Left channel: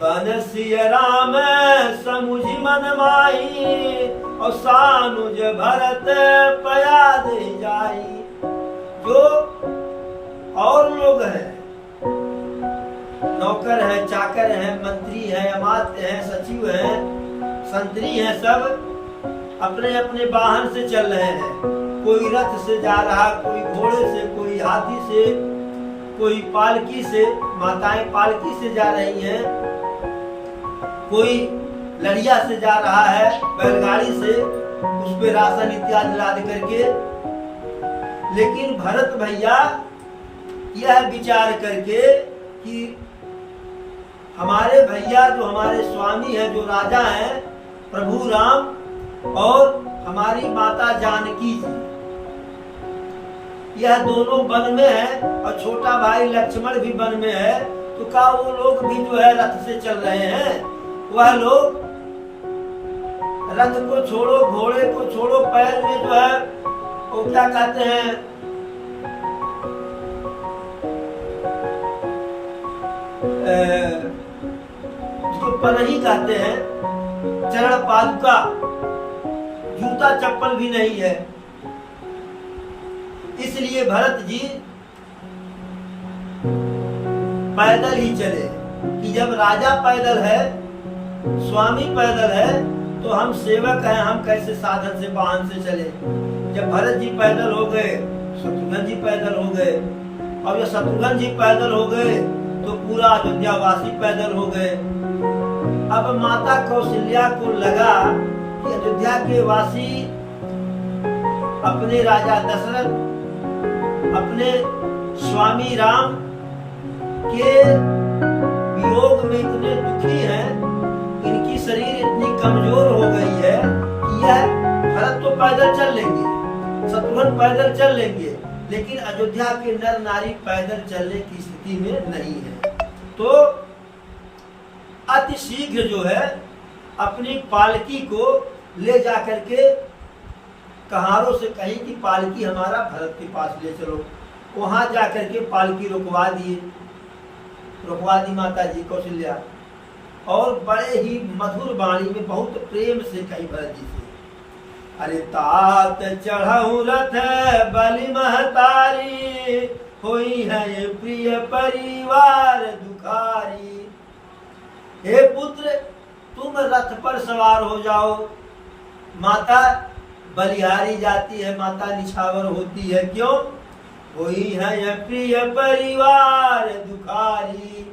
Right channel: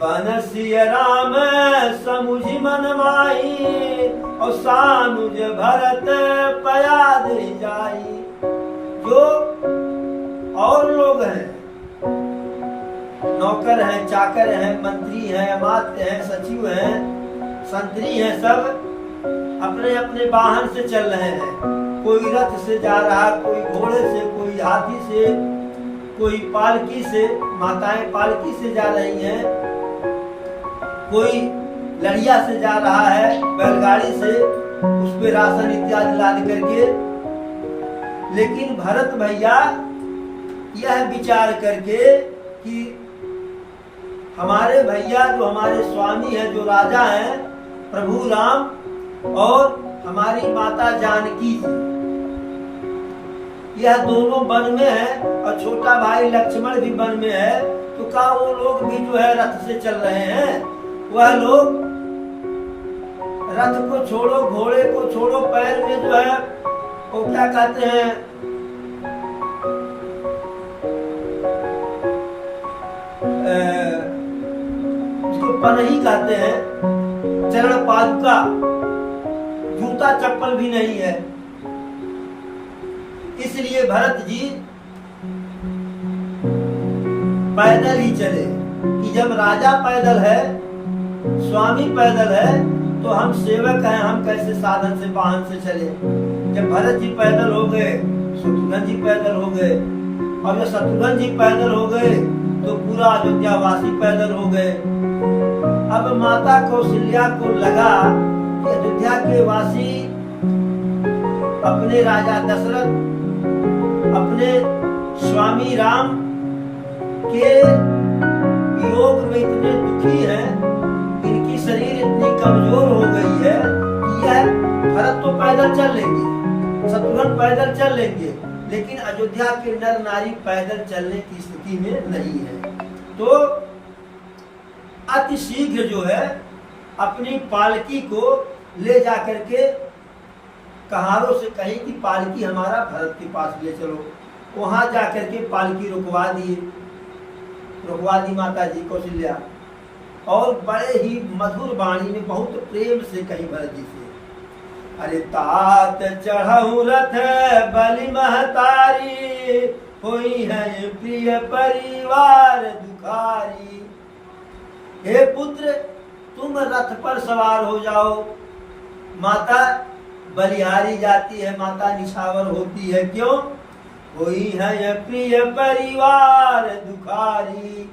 बनसिय राम समुझि मन माही और सानुज भरत पयाद जाई। जो और लोग हैं, नौकर हैं, चाकर हैं, मंत्री हैं, अमात्य हैं, सचिव हैं, संतरी हैं, सब अपने अपने वाहन से चल रहे हैं। कोई रथ से जा रहा है, कोई घोड़े से, कोई हाथी से, कोई पालकी से, माताएं पालकी से जा रही हैं, कोई लड़िया से जा रहा है, बैलगाड़ी से, उस पे राशन इत्यादि लाद करके। लेकिन भरत भैया यह विचार करके कि हमारे भैया जो हमारे स्वामी है, जो राजा हैं, प्रभु राम और हमारी माता जानकी जी, यह दोनों वन में है और छोटा भाई लक्ष्मण भी वन में है। तो क्या वो लोग भी जो है रथ से चल रहे हैं? वह लोग रथ को छोड़ो, घोड़े को छोड़ो, पैर में जो है वो क्या कहते हैं, जिसको पनही कहते हैं, चरण पादुका, जूता चप्पल भी नहीं है। इसलिए भरत जी पैदल ही चले कि जब राजा पैदल है, स्वामी पैदल है, तो हम सेवक हैं, हम कैसे साधन से वाहन से चले। जब भरत जी पैदल हो गए, शत्रुघ्न जी पैदल हो गए, और जब शत्रुघ्न जी पैदल हो गए तो पूरा अयोध्या वासी पैदल हो गए। अब माता कौशल्या को लगा कि अयोध्या के वासी अपने राजा दशरथ, अपने स्वामी राम के वियोग में इतने दुखी हैं, इनकी शरीर इतनी कमजोर हो गई है कि यह भरत तो पैदल चल लेंगे, शत्रुघ्न पैदल चल लेंगे, लेकिन अयोध्या के नर नारी पैदल चलने की स्थिति में नहीं है। तो अति शीघ्र जो है अपनी पालकी को ले जाकर के कहारों से कही कि पालकी हमारा भरत के पास ले चलो। वहां जाकर के पालकी रुकवा दी माता जी कौशल्या, और बड़े ही मधुर वाणी में बहुत प्रेम से कही भरत जी से, अरे तात चढ़ऊ रथ बलि महतारी, होई है प्रिय परिवार दुखारी। हे पुत्र, तुम रथ पर सवार हो जाओ। माता बलिहारी जाती है, माता निछावर होती है। क्यों? होई है प्रिय परिवार दुखारी।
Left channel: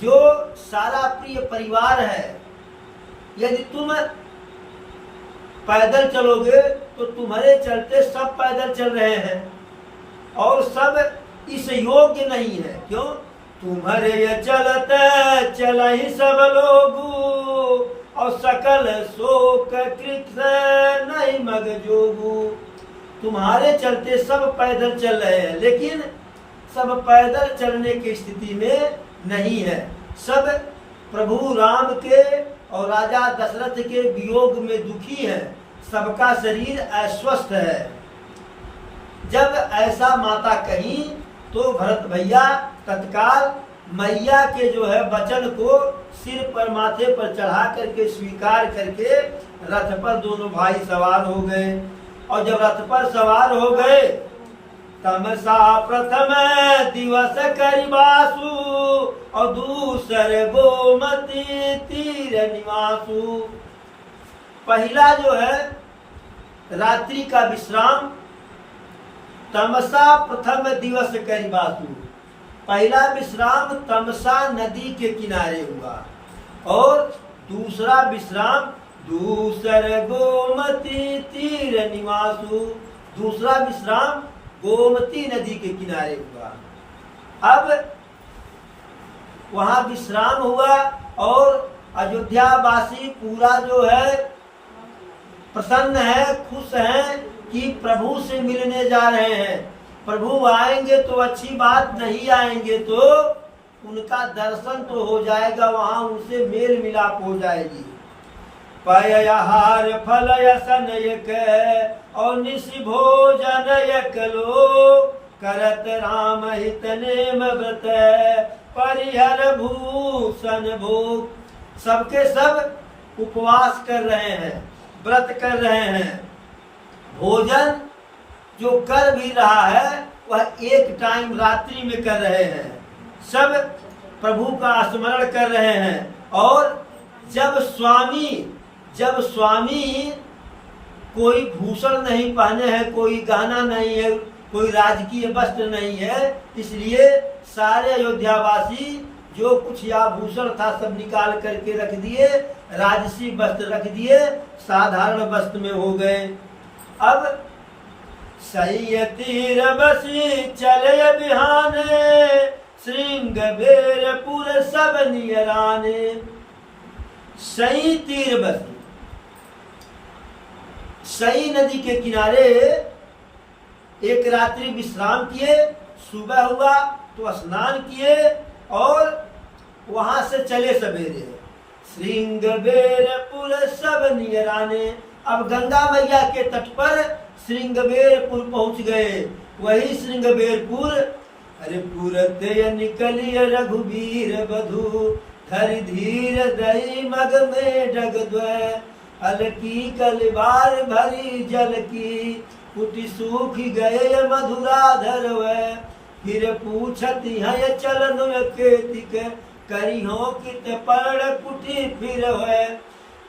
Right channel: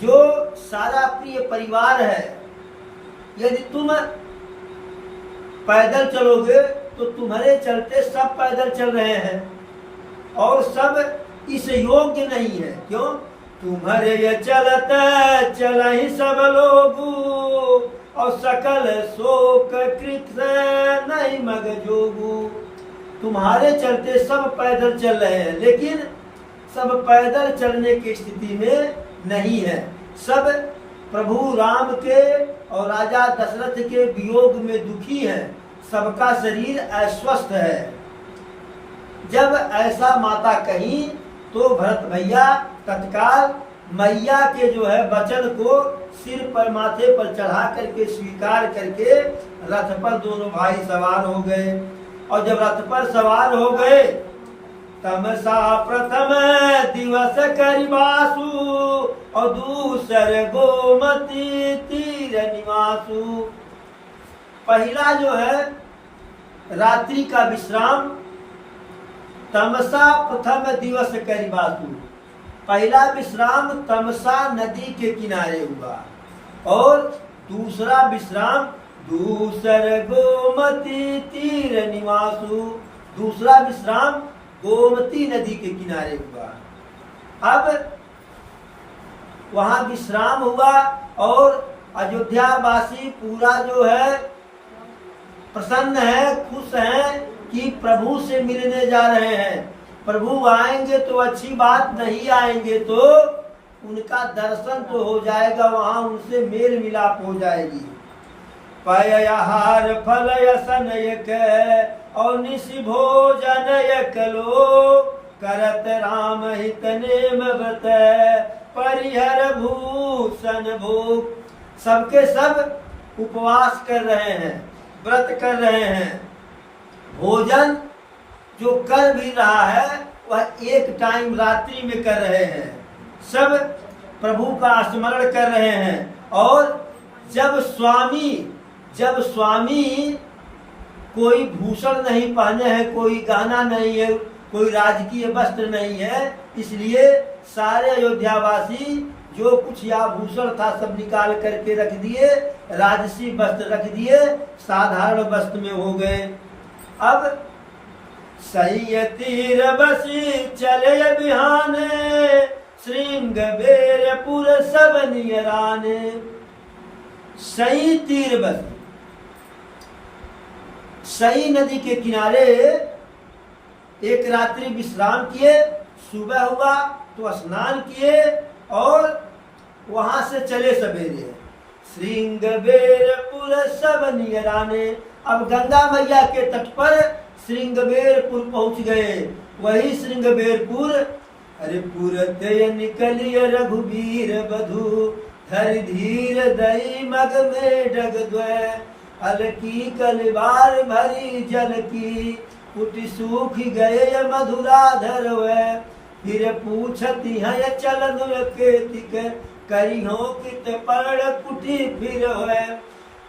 जो सारा प्रिय परिवार है, यदि तुम पैदल चलोगे तो तुम्हारे चलते सब पैदल चल रहे हैं और सब इस योग्य नहीं है। क्यों? तुम्हारे ये चलते चल ही सब लोगू, और सकल शोक कृत नहीं मग जोगू। तुम्हारे चलते सब पैदल चल रहे हैं, लेकिन सब पैदल चलने की स्थिति में नहीं है। सब प्रभु राम के और राजा दशरथ के वियोग में दुखी हैं, सबका शरीर अस्वस्थ है। जब ऐसा माता कही तो भरत भैया तत्काल मैया के जो है वचन को सिर पर, माथे पर चढ़ा करके स्वीकार करके रथ पर दोनों भाई सवार हो गए। और जब रथ पर सवार हो गए, तमसा प्रथम दिवस करिबासु, और दूसर गोमती तीर निवासु। पहला जो है रात्रि का विश्राम, तमसा प्रथम दिवस करिबासु, पहला विश्राम तमसा नदी के किनारे हुआ। और दूसरा विश्राम दूसर गोमती तीर निवासु, दूसरा विश्राम गोमती नदी के किनारे हुआ। अब वहां विश्राम हुआ और अयोध्या वासी पूरा जो है प्रसन्न है, खुश है कि प्रभु से मिलने जा रहे हैं। प्रभु आएंगे तो अच्छी बात, नहीं आएंगे तो उनका दर्शन तो हो जाएगा, वहां उनसे मेल मिलाप हो जाएगी। पयहार फल यसनयक और निशि भोजन यकलो, करत राम हित नेम व्रत परिहर भूषण भोग। सबके सब उपवास कर रहे हैं, व्रत कर रहे हैं। भोजन जो कर भी रहा है वह एक टाइम रात्रि में कर रहे हैं। सब प्रभु का स्मरण कर रहे हैं। और जब स्वामी कोई भूषण नहीं पहने हैं, कोई गहना नहीं है, कोई राजकीय वस्त्र नहीं है, इसलिए सारे अयोध्यावासी जो कुछ आभूषण था सब निकाल करके रख दिए, राजसी वस्त्र रख दिए, साधारण वस्त्र में हो गए। अब सही तीर बसी चले बिहाने, श्रृंग बेरपुर सब नियराने। सही तीर बसी, सई नदी के किनारे एक रात्रि विश्राम किए। सुबह हुआ तो स्नान किए और वहां से चले सवेरे। श्रृंगबेरपुर सब नियराने। अब गंगा मैया के तट पर श्रृंगबेरपुर पहुंच गए। वही श्रृंगबेरपुर, अरे पुरते निकलिय रघुवीर बधु, धर धीर दई मग में डग द्वय, अलकी कलबार भरी जल की, कुटि सूख गए मधुराधर वै, फिर पूछती है चलन केतिक, करिहो कित पर्ण कुटि फिर है,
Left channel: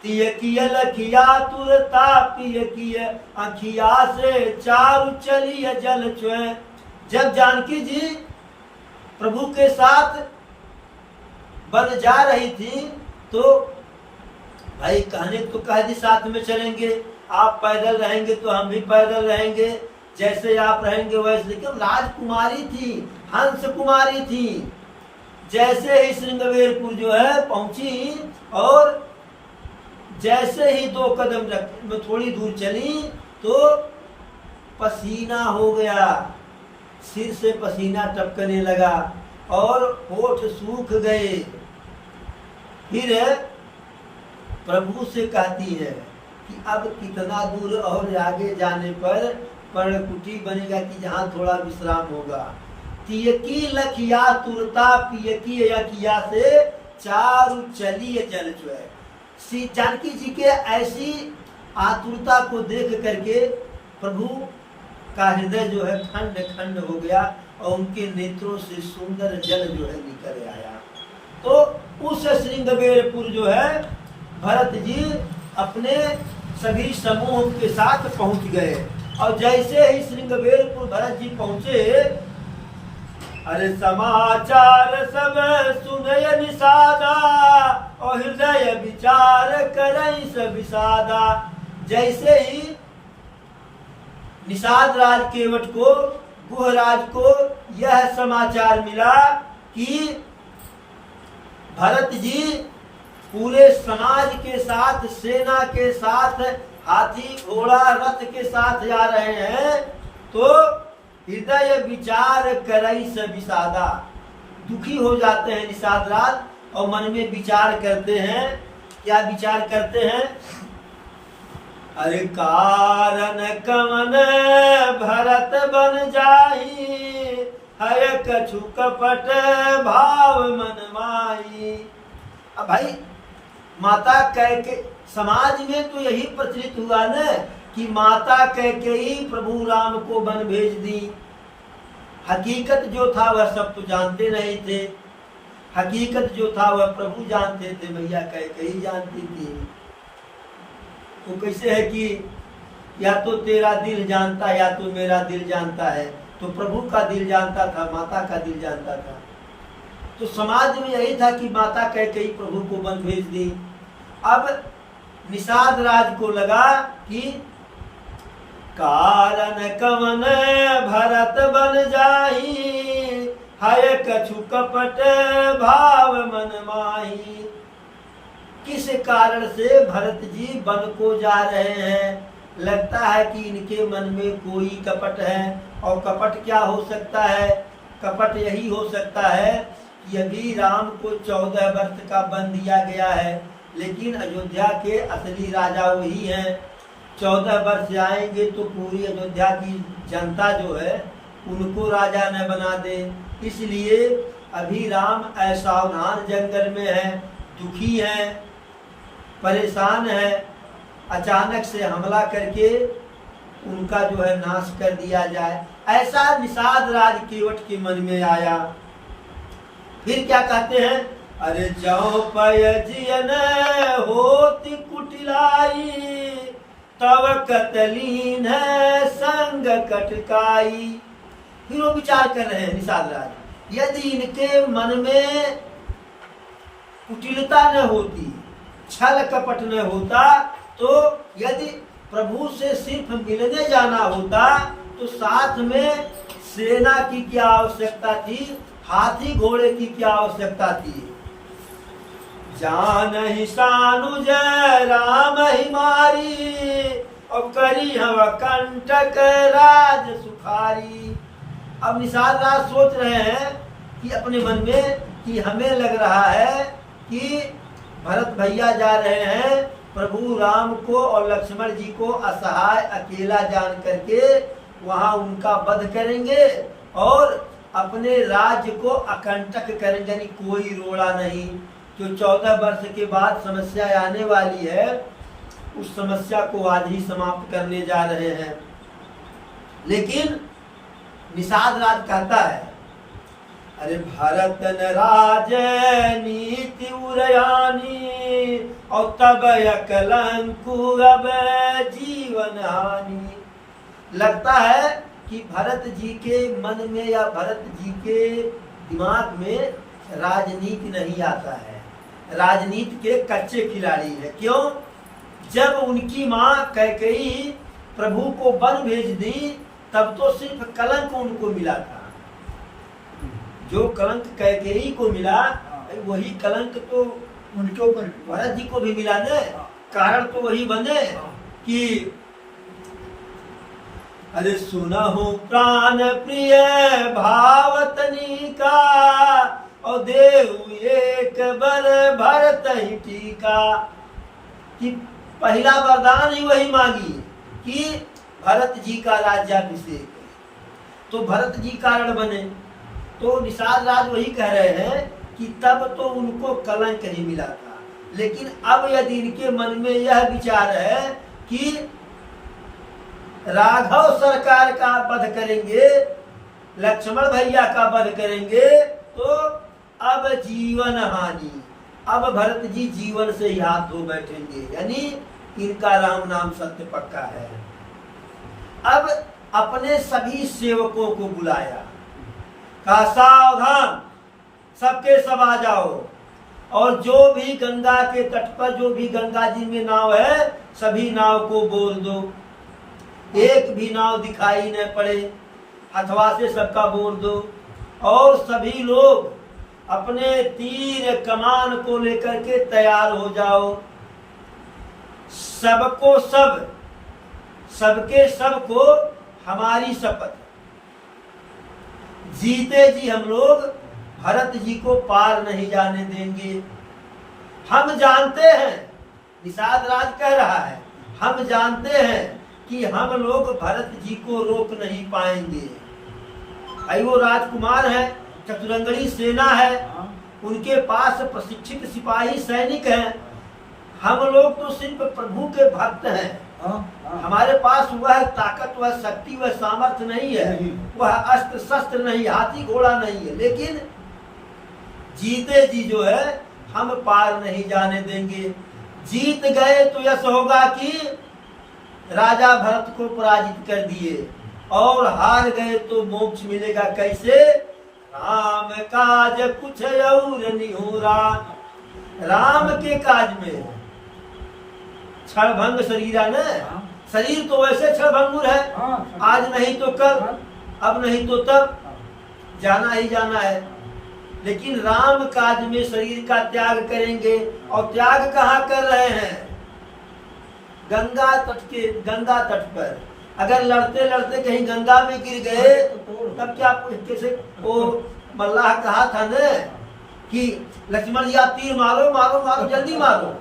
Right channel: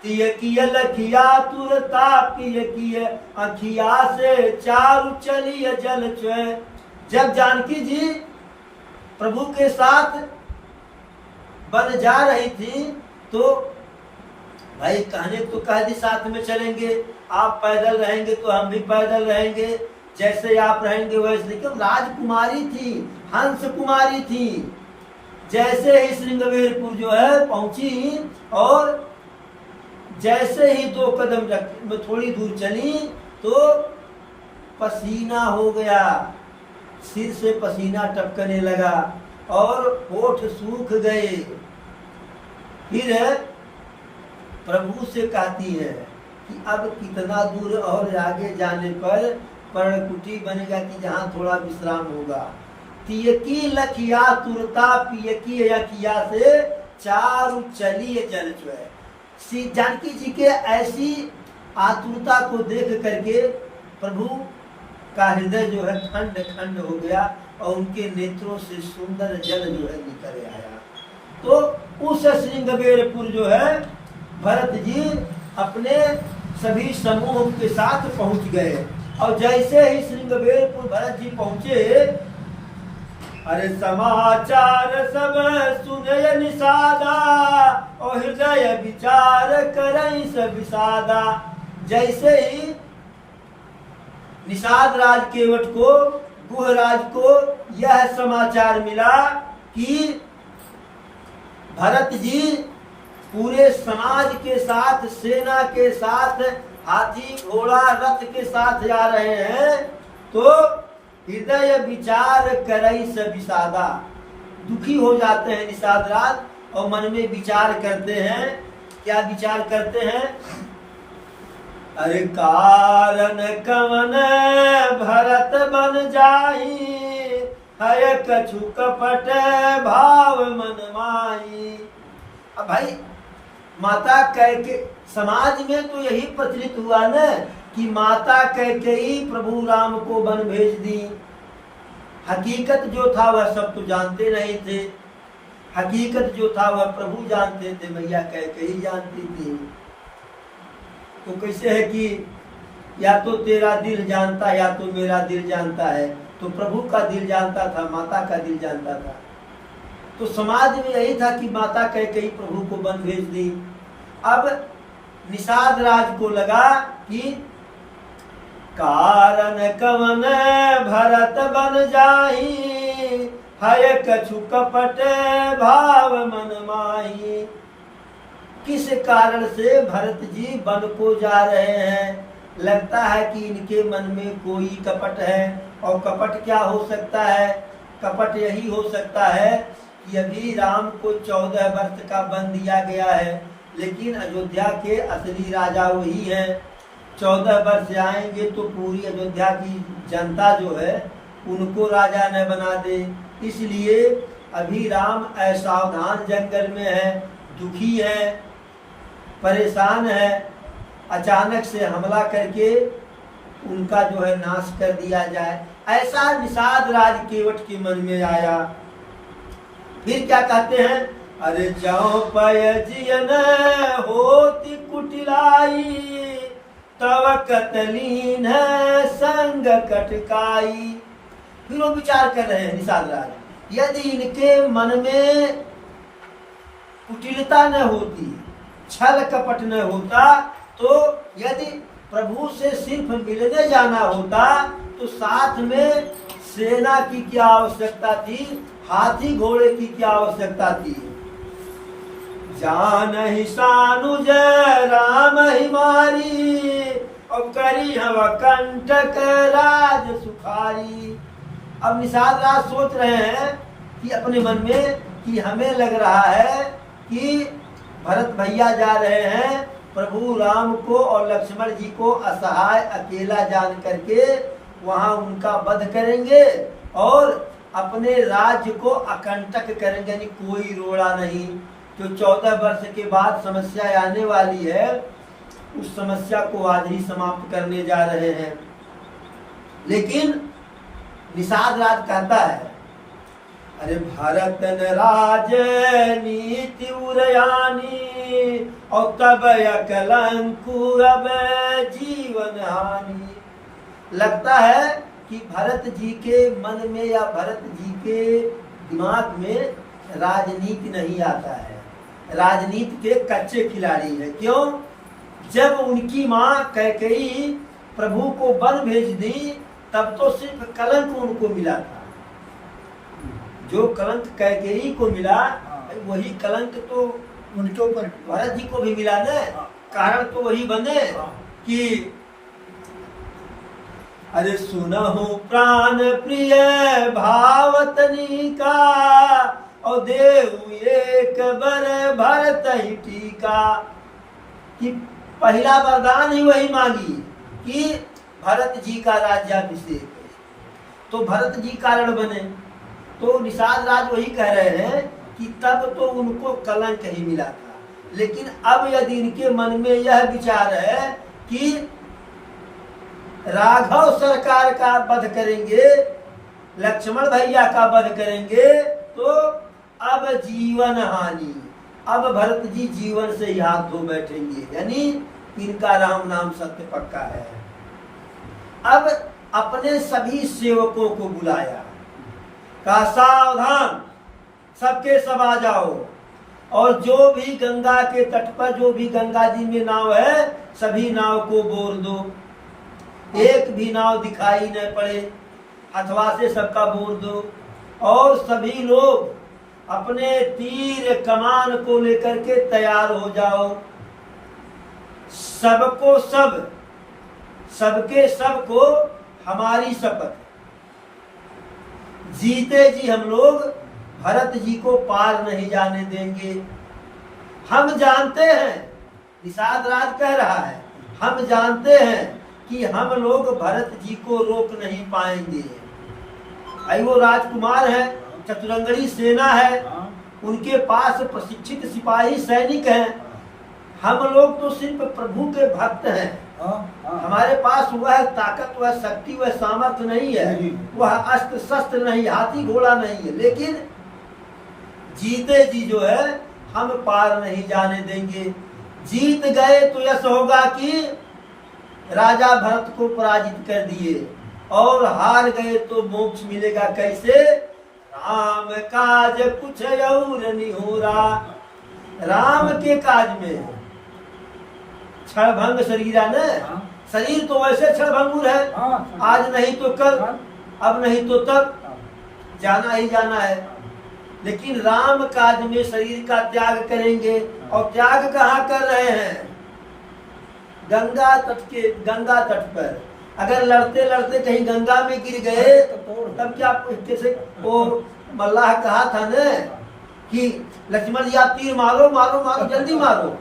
तिय किय लखिया तुरता पिय किय, अखिया से चारु चलिय जल चुए। जब जानकी जी प्रभु के साथ बन जा रही थी तो भाई कहने तो कह दी साथ में चलेंगे, आप पैदल रहेंगे तो हम भी पैदल रहेंगे, जैसे आप रहेंगे वैसे। क्यों, राजकुमारी थी, हंस कुमारी थी। जैसे ही श्रृंगबेरपुर जो है पहुंची और जैसे ही 2 कदम में थोड़ी दूर चली तो पसीना हो गया, सिर से पसीना टपकने लगा और होठ सूख गए। फिर प्रभु से कहती है कि अब कितना दूर और आगे जाने पर पर्णकुटी बनेगा कि जहाँ थोड़ा विश्राम होगा। तियकी लखिया तुरता पियकी अखिया से चारु चलिए जल चुए। श्री जानकी जी के ऐसी आतुरता को देख करके प्रभु का हृदय जो है ठंड ठंड हो गया और उनके नेत्रों से सुंदर जल जो है निकल आया। तो उस श्रृंगबेरपुर जो है भरत जी अपने सभी समूह के साथ पहुंच गए। और जैसे ही श्रृंगबेरपुर भरत जी पहुंचे, अरे समाचार सब सुनय निषादा, और हृदय विचार करई सब विषादा। जैसे ही निषाद राज केवट को, गुहराज को यह समाचार मिला कि भरत जी पूरे समाज के साथ, सेना के साथ, हाथी घोड़ा रथ के साथ जा रहे हैं, तो हृदय विचार करई से विषादा, दुखी हो जाते हैं निषाद राज और मन में विचार करते हैं। क्या विचार करते हैं? अरे कारण कवन भरत बन जाई, है कछु कपट भाव मन माई। अब भाई माता कैके, समाज में तो यही प्रचलित हुआ न कि माता कैकेयी प्रभु राम को वन भेज दी। हकीकत जो था वह सब तो जानते नहीं थे। हकीकत जो था वह प्रभु जानते थे, मैया कैकेयी जानती थी। तो कैसे है कि या तो तेरा दिल जानता या तो मेरा दिल जानता है। तो प्रभु का दिल जानता था, माता का दिल जानता था। तो समाज में यही था कि माता कैकेयी प्रभु को वन भेज दी। अब निषाद राज को लगा कि कारण कवन भरत बन जाई, है कछु कपट भाव मन माही। किस कारण से भरत जी वन को जा रहे हैं? लगता है कि इनके मन में कोई कपट है। और कपट क्या हो सकता है? कपट यही हो सकता है कि अभी राम को 14 वर्ष का वन दिया गया है, लेकिन अयोध्या के असली राजा वही हैं। 14 वर्ष आएंगे तो पूरी अयोध्या की जनता जो है उनको राजा न बना दे, इसलिए अभी राम असावधान जंगल में है, दुखी है, परेशान है, अचानक से हमला करके उनका जो है नाश कर दिया जाए, ऐसा निषाद राज केवट के मन में आया। फिर क्या कहते हैं, अरे जाओ पय जियन होती कुटिलाई, तब कतलीन है संग कटकाई। फिर वो विचार कर रहे हैं निषाद राज, यदि इनके मन में कुटिलता न होती, छल कपट न होता, तो यदि प्रभु से सिर्फ मिलने जाना होता तो साथ में सेना की क्या आवश्यकता थी, हाथी घोड़े की क्या आवश्यकता थी। जान ही सानुज राम ही मारी, और करी हवा कंटक राज सुखारी। अब निषाद राज सोच रहे हैं कि अपने मन में कि हमें लग रहा है कि भरत भैया जा रहे हैं प्रभु राम को और लक्ष्मण जी को असहाय अकेला जान करके वहां उनका वध करेंगे और अपने राज्य को अकंटक करेंगे, यानी कोई रोड़ा नहीं। जो 14 वर्ष के बाद समस्या आने वाली है, उस समस्या को आज ही समाप्त करने जा रहे हैं। लेकिन निषाद राज कहता है, अरे भरत न राज नीति उरयानी, और तब अकलंकु अब जीवन हानि। लगता है कि भरत जी के मन में या भरत जी के दिमाग में राजनीति नहीं आता है, राजनीति के कच्चे खिलाड़ी है। क्यों? जब उनकी माँ कैकेयी प्रभु को वन भेज दी, तब तो सिर्फ कलंक उनको मिला था। जो कलंक कैकेयी को मिला, वही कलंक तो उनके ऊपर भरत जी को भी मिला न। कारण तो वही बने कि अरे सुनहु प्राण प्रिय भावतनी का, और देव एक बर भरत ही टीका। कि पहला वरदान ही वही मांगी कि भरत जी का राज्याभिषेक, तो भरत जी कारण बने। तो निषाद राज वही कह रहे हैं कि तब तो उनको कलंक ही मिला था, लेकिन अब यदि इनके मन में यह विचार है कि राघव सरकार का वध करेंगे, लक्ष्मण भैया का वध करेंगे, तो अब जीवन हानि, अब भरत जी जीवन से ही हाथ धो बैठेंगे, यानी इनका राम नाम सत्य पक्का है। अब अपने सभी सेवकों को बुलाया, कहा सावधान, सबके सब आ जाओ, और जो भी गंगा के तट पर, जो भी गंगा जी में नाव है, सभी नाव को बोल दो। एक भी नाव दिखाई न पड़े, हथवा से सबका बोल दो। और सभी लोग अपने तीर कमान को लेकर के तैयार हो जाओ। सबको सब, सबके सबको हमारी शपथ, जीते जी हम लोग भरत जी को पार नहीं जाने देंगे। हम जानते हैं, निषाद राज कह रहा है, हम जानते हैं कि हम लोग भरत जी को रोक नहीं पाएंगे। भाई वो राजकुमार है, चतुरंगड़ी सेना है, उनके पास प्रशिक्षित सिपाही सैनिक हैं। हम लोग तो सिर्फ प्रभु के भक्त हैं, हमारे पास वह ताकत, वह शक्ति, वह सामर्थ्य नहीं है, वह अस्त्र शस्त्र नहीं, हाथी घोड़ा नहीं है। लेकिन जीते जी जो है हम पार नहीं जाने देंगे। जीत गए तो यश होगा कि राजा भरत को पराजित कर दिए, और हार गए तो मोक्ष मिलेगा। कैसे? राम काज कुछ और निहोरा, राम के काज में क्षणभंग शरीर है न, शरीर तो वैसे क्षणभंगुर है, आज नहीं तो कल, अब नहीं तो तब, जाना ही जाना है। लेकिन राम काज में शरीर का त्याग करेंगे, और त्याग कहाँ कर रहे हैं? गंगा तट पर। अगर लड़ते लड़ते कहीं गंगा में गिर गए, तब क्या कैसे? वो मल्लाह कहा था न कि लक्ष्मण जी आप तीर मारो मारो मारो, जल्दी मारो,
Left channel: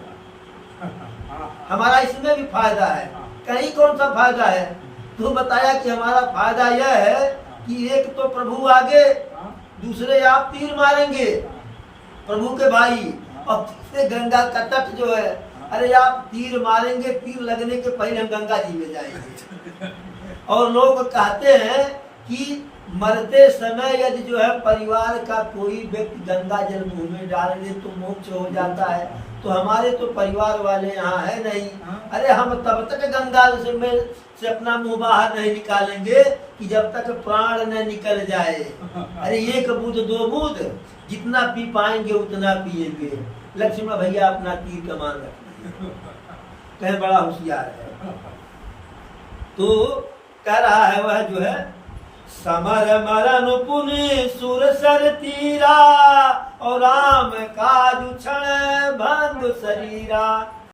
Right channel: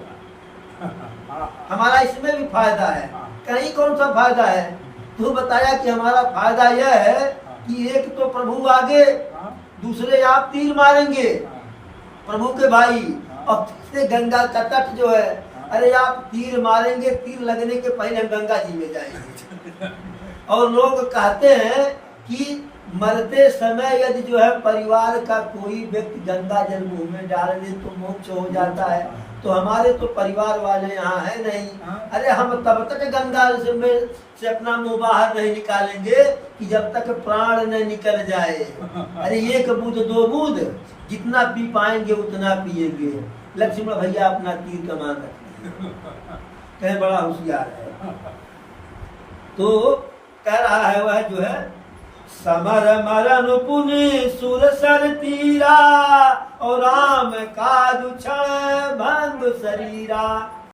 हमारा इसमें भी फायदा है। कहीं कौन सा फायदा है? तू बताया कि हमारा फायदा यह है कि एक तो प्रभु आगे दूसरे आप तीर मारेंगे प्रभु के भाई, और तीसरे गंगा का तट जो है, अरे आप तीर मारेंगे, तीर लगने के पहले हम गंगा जी में जाएंगे। और लोग कहते हैं कि मरते समय यदि जो है परिवार का कोई व्यक्ति गंगा जल मुंह में डालेंगे तो मोक्ष हो जाता है, तो हमारे तो परिवार वाले यहाँ है नहीं, अरे हम तब तक गंगा से अपना मुंह बाहर नहीं निकालेंगे कि जब तक प्राण न निकल जाए। अरे एक बूंद दो बूंद जितना पी पाएंगे उतना पिएंगे। लक्ष्मण भैया अपना तीर कमान रखिए, कहे बड़ा होशियार है। तो कह रहा है वह जो है, समर मरन पुनि सुर सर तीरा, और राम काज क्षण भंग शरीरा।